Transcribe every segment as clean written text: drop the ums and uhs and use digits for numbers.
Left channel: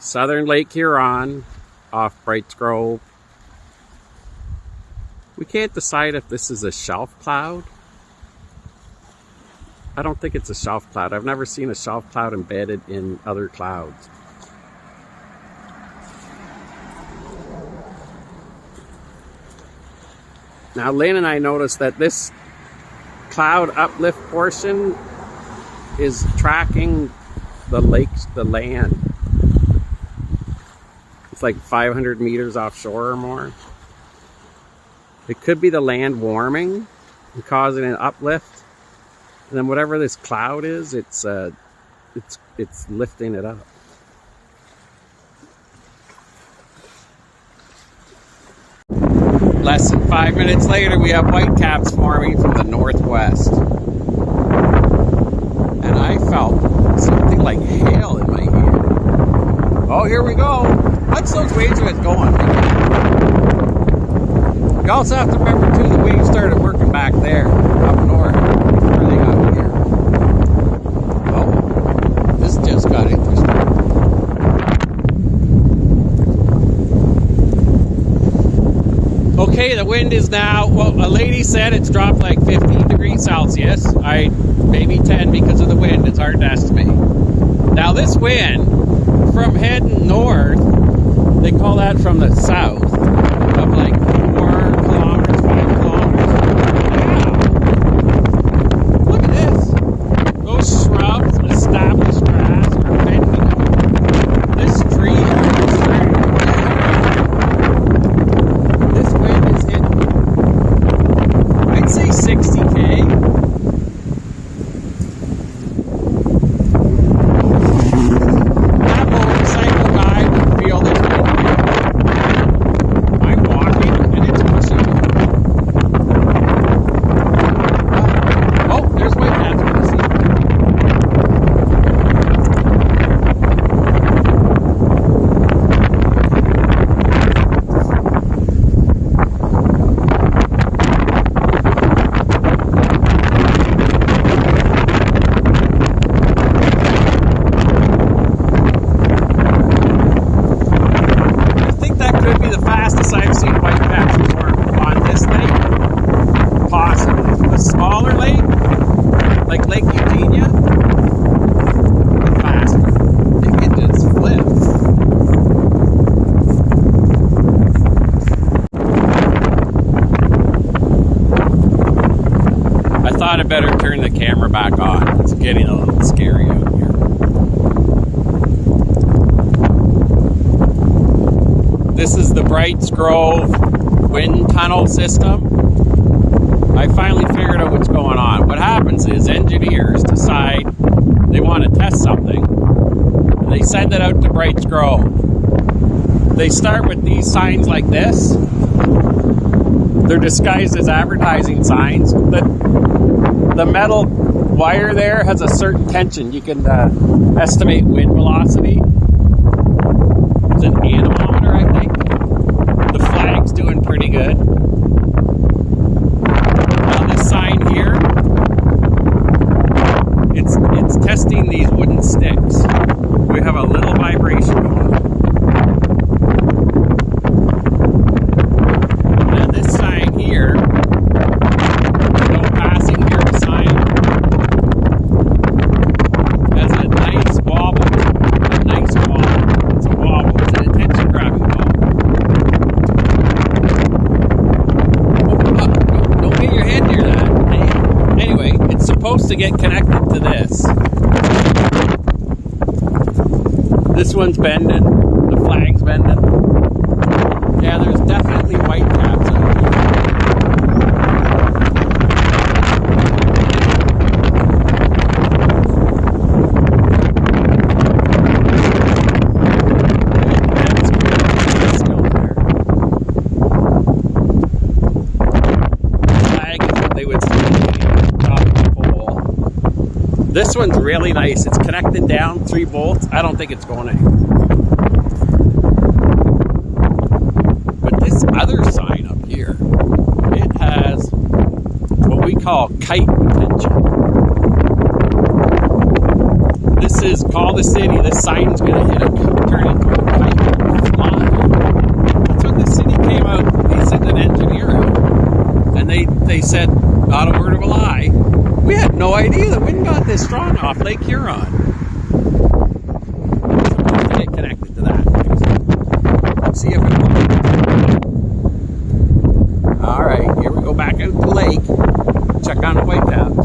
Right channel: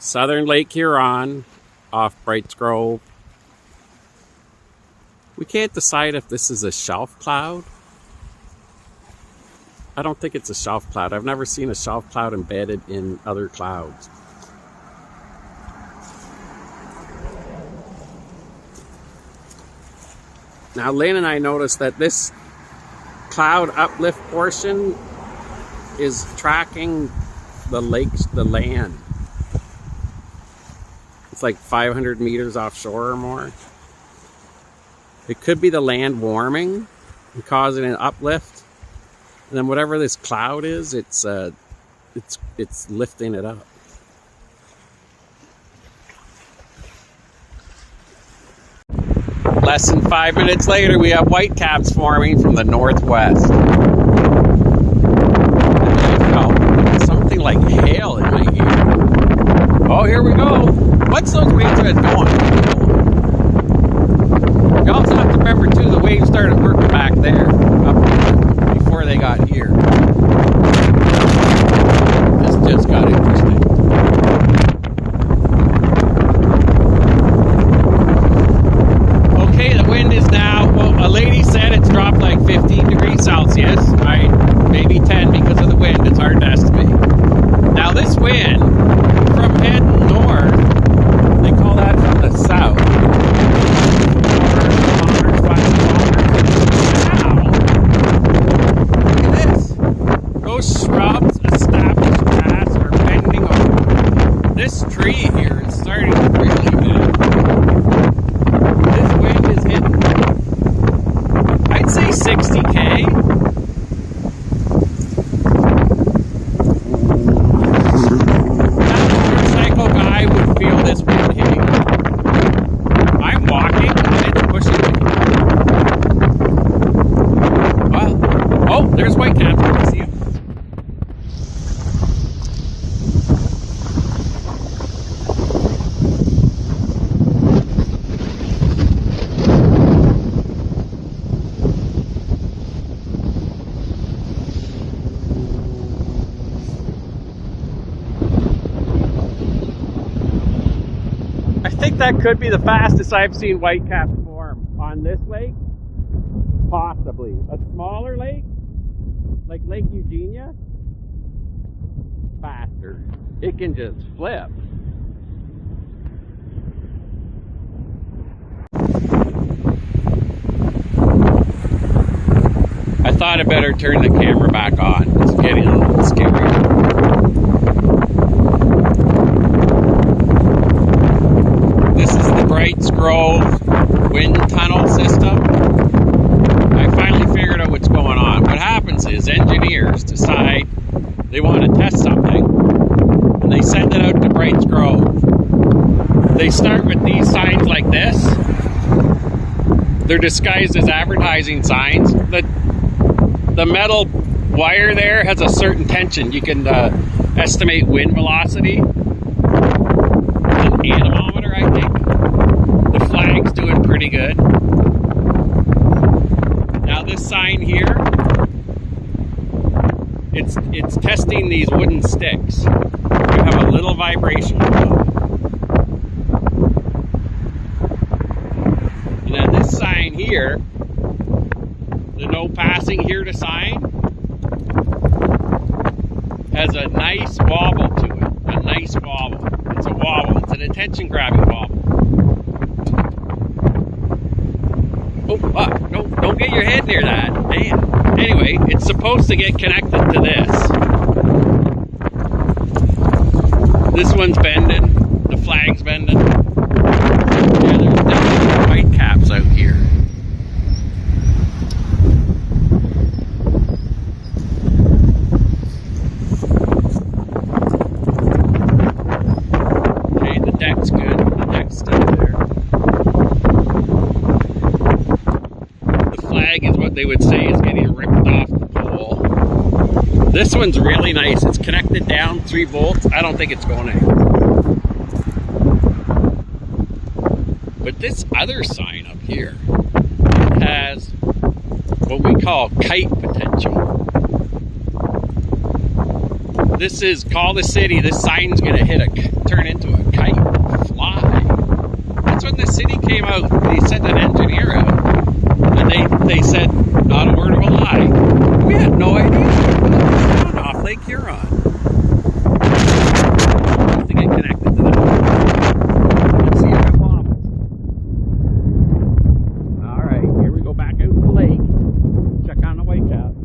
Southern Lake Huron off Brights Grove. We can't decide if this is a shelf cloud. I don't think it's a shelf cloud. I've never seen a shelf cloud embedded in other clouds. Now Lynn and I noticed that this cloud uplift portion is tracking the lakes, the land. It's like 500 meters offshore or more. It could be the land warming and causing an uplift. And then whatever this cloud is, it's lifting it up. Less than 5 minutes later, we have whitecaps forming from the northwest. And I felt something like hail in my ear. Oh, here we go. What's those waves are going? You also have to remember too, the waves started working back there, up north, before they got here. This just got interesting. Okay, the wind is now, well, a lady said it's dropped like 15 degrees Celsius. Maybe 10 because of the wind, it's hard to estimate. Now this wind, from heading north, they call that from the south. 4 kilometers, 5 kilometers. Wow! Look at this. Those shrubs, established grass are bending over. This tree here is starting to really bend. This wind is hitting, I'd say 60K. That motorcycle guy would feel this wind here. I'm walking and it's pushing me. Oh, there's whitecaps. You can see. That could be the fastest I've seen whitecaps before on this lake. Possibly. A smaller lake, like Lake Eugenia, faster. It could just flip. I thought I'd better turn the camera back on. It's getting a little scary. This is the Brights Grove wind tunnel system. I finally figured out what's going on. What happens is engineers decide they want to test something and they send it out to Brights Grove. They start with these signs like this. They're disguised as advertising signs. The metal wire there has a certain tension. You can estimate wind velocity. It's an anemometer, I think. The flag's doing pretty good. Now this sign here, it's testing these wooden sticks. We have a little vibration with them. And then this sign here, no passing here to sign, has a nice wobble to it. A nice wobble. It's a wobble. It's an attention grabbing wobble. Don't get your head near that. Damn. Anyway, it's supposed to get connected to this. This one's bending. The flag's bending. Yeah, there's definitely whitecaps out here. They would say is getting ripped off the pole. This one's really nice. It's connected down 3 volts. I don't think it's going anywhere. But this other sign up here, it has what we call kite potential. This is call the city. This sign's gonna turn into a kite fly. That's when the city came out. They sent an engineer out, and they said, not a word of a lie. We had no idea that we got this wrong off Lake Huron. Get connected to that. See if it works. All right, here we go back out to the lake. Check on the whitecaps.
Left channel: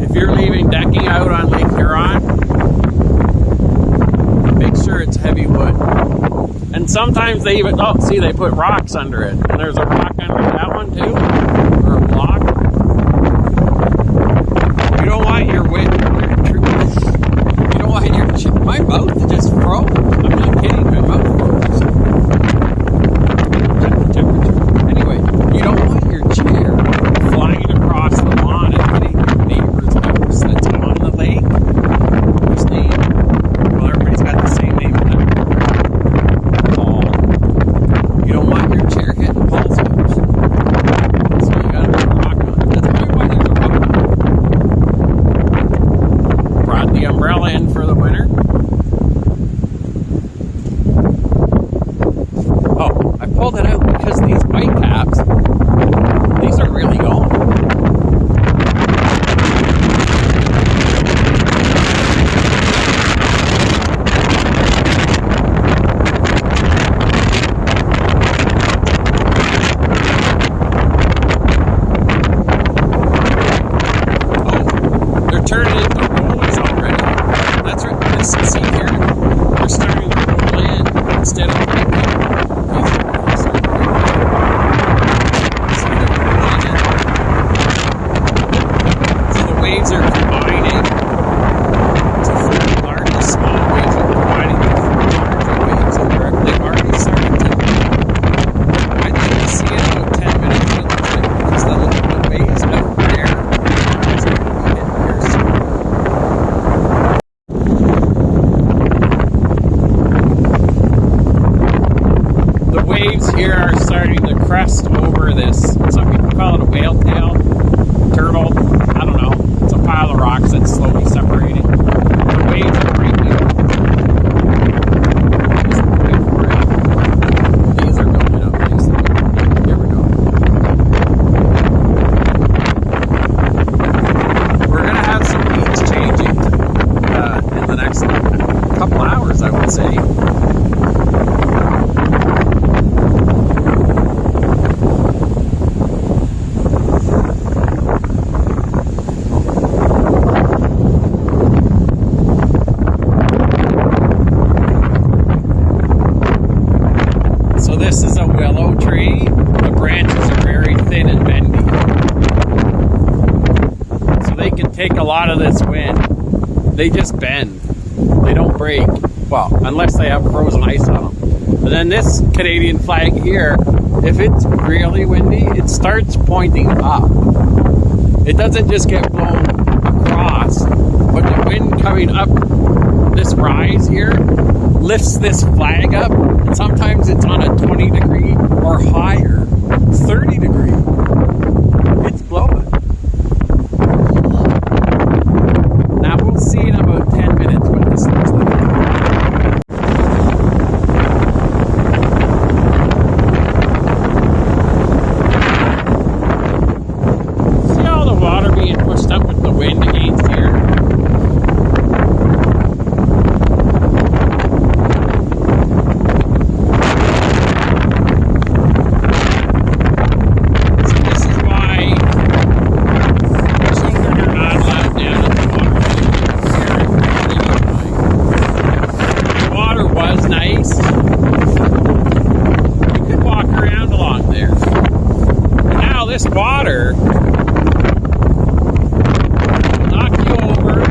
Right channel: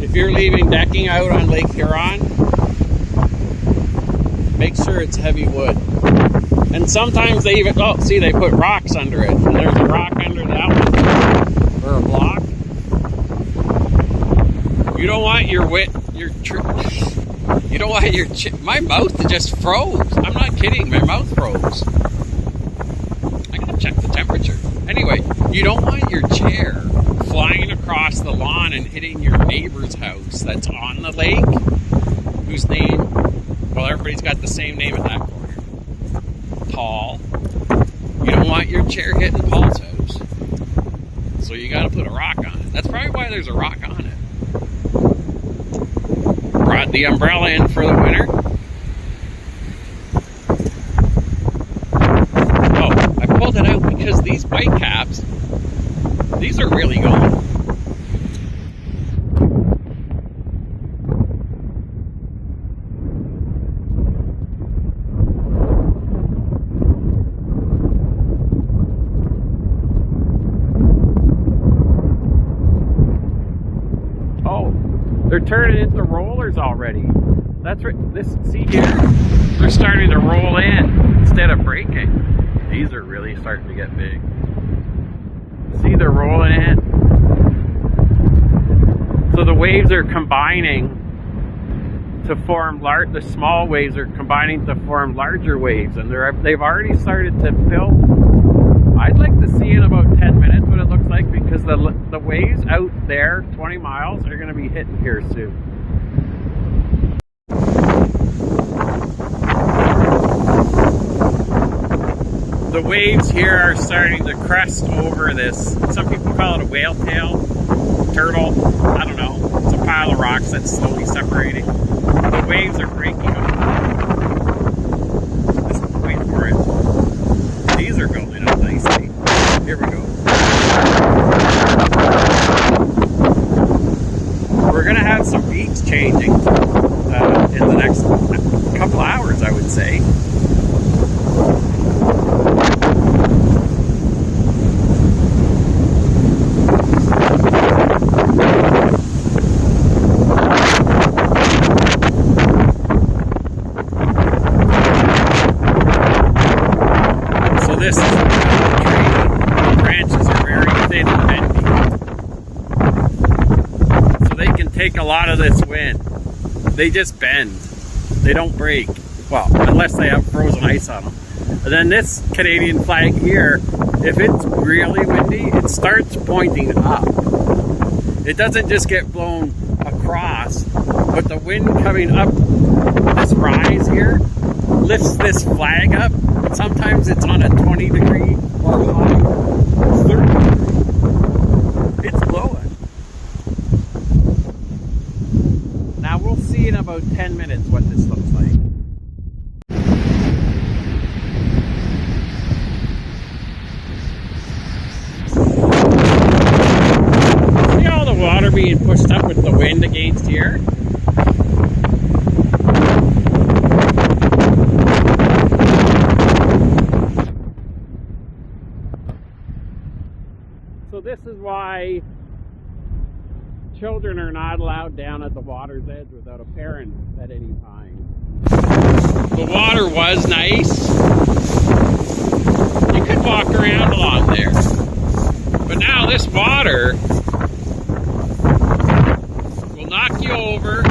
If you're leaving decking out on Lake Huron, make sure it's heavy wood. And sometimes they even, oh, see, they put rocks under it. And there's a rock under that one too, or a block. You don't want your you don't want your, my mouth just froze. I'm not kidding, my mouth froze. Check the temperature. Anyway, you don't want your chair flying across the lawn and hitting your neighbor's house that's on the lake, whose name, well, everybody's got the same name in that. Paul. You don't want your chair hitting Paul's house. So you gotta put a rock on it. That's probably why there's a rock on it. Brought the umbrella in for the winter. Oh, I pulled it out because these white caps, these are really going. They're turning into rollers already. That's right. See here? They're starting to roll in instead of breaking. These are really starting to get good. See, they're rolling in. So the waves are combining to form the small waves are combining to form larger waves. And they've already started to build. I'd like to see it in about 10 minutes, it looks like, because the waves out there, 20 miles, are going to be hit here soon. The waves here are starting to crest over this. Some people call it a whale tail, turtle. I don't know. It's a pile of rocks that's slowly separating. The waves are breaking. Wait for it. These are building up nicely. Here we go. We're going to have some beats changing in the next couple hours, I would say. So this is a willow tree. The branches are very thin and bendy. So they can take a lot of this wind. They just bend. They don't break. Well, unless they have frozen ice on them. And then this Canadian flag here, if it's really windy, it starts pointing up. It doesn't just get blown across, but the wind coming up this rise here lifts this flag up. Sometimes it's on a 20 degree or higher, 30 degree. It's blowing. Now we'll see in about 10 minutes what this looks like. See all the water being pushed up with the wind against here? will knock you over.